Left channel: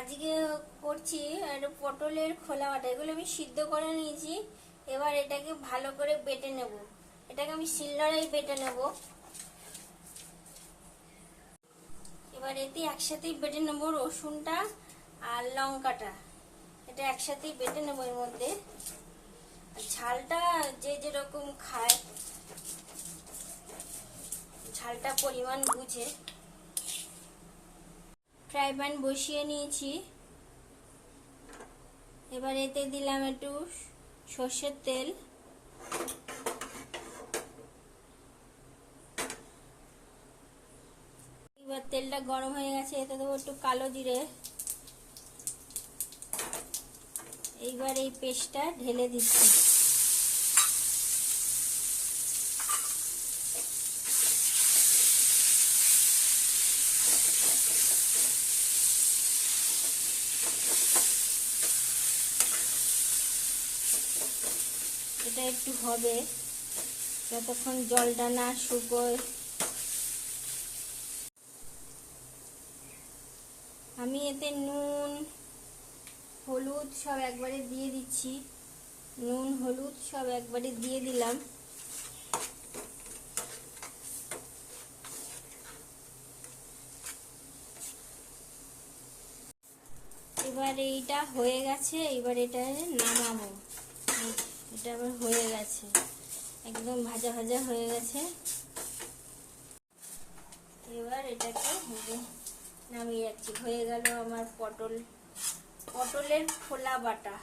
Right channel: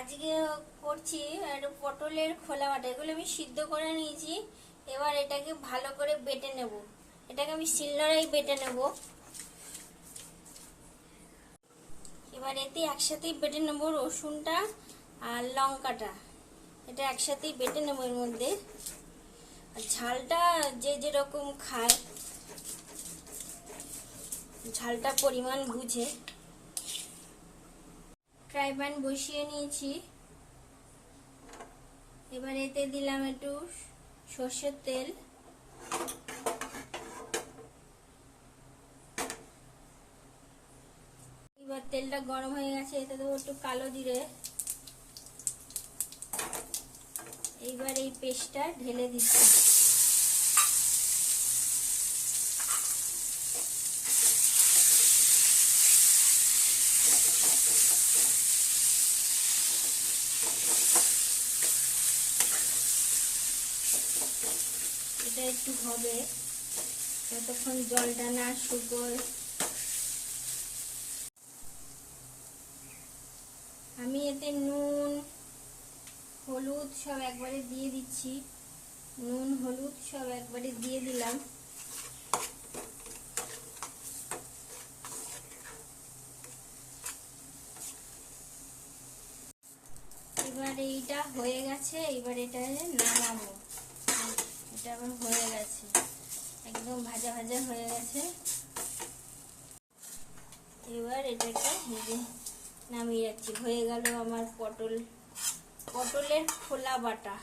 আজকে করছি আর পটলের খোলা বাটা। এগুলো আমি সিদ্ধ করে নিয়েছি। এবার এটাকে ভালো করে বেটে নেব। এটাকে আমি শিলনোড়ায় বেটে নেব। এবার এতে একসাথেই বেটে নেব রসুনটা আর লঙ্কাটা। এটা একসাথেই বেটে নেব এর মধ্যে। আর ঝালটা যে যেরকম খায় ঝালটা পরিমাণ বুঝে। ফ্রাই প্যান বসিয়ে নিয়েছি। এবার এতে দিলাম একটু সর্ষের তেল। এবার তেলটা গরম হয়ে গেছে, এতে দেবো একটু কালো জিরে। এইবার এই পেস্টটা ঢেলে দিচ্ছি। এটা একটু হবে যতক্ষণ জলটা না শুকোয়। আমি এতে নুন হলুদ সব একবারে দিয়ে দিচ্ছি। নুন হলুদ সব একবারে দিয়ে দিলাম। এবার এইটা হয়ে গেছে। এবার এটা নামাবো। এটা আবার হয়ে গেছে, একদম ভাজা ভাজা হয়ে গেছে। এবার এটাকে নামিয়ে যাচ্ছি। হয়ে গেল আমার পটলের খোলা বাটা।